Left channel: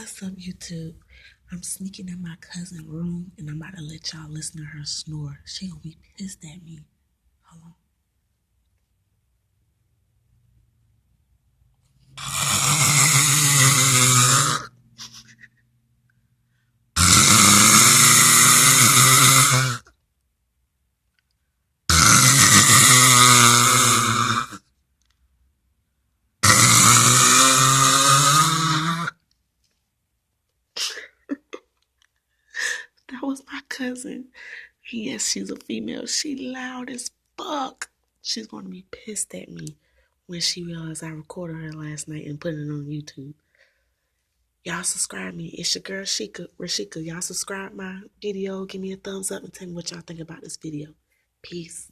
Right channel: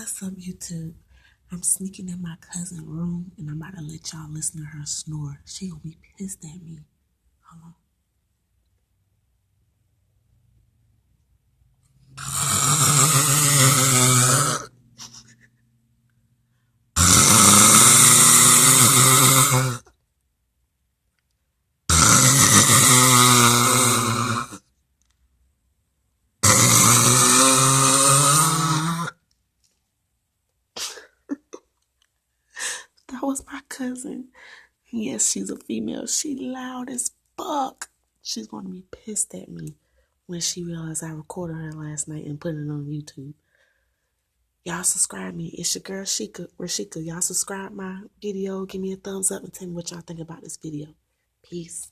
What's up, YouTube? I'm sneaking in my cousin's room and I'm about to let y'all listen to her snore. She gonna be pissed at me. Hold on. That was my cousin. Yes, she's a female. She loud as fuck. She's gonna be pissed at me when she realizes I recorded her last night and put it on YouTube. Y'all subscribe me. It's your girl Rashika. Y'all subscribe my video. Give me a thumbs up and tell me what y'all think about this video. Peace.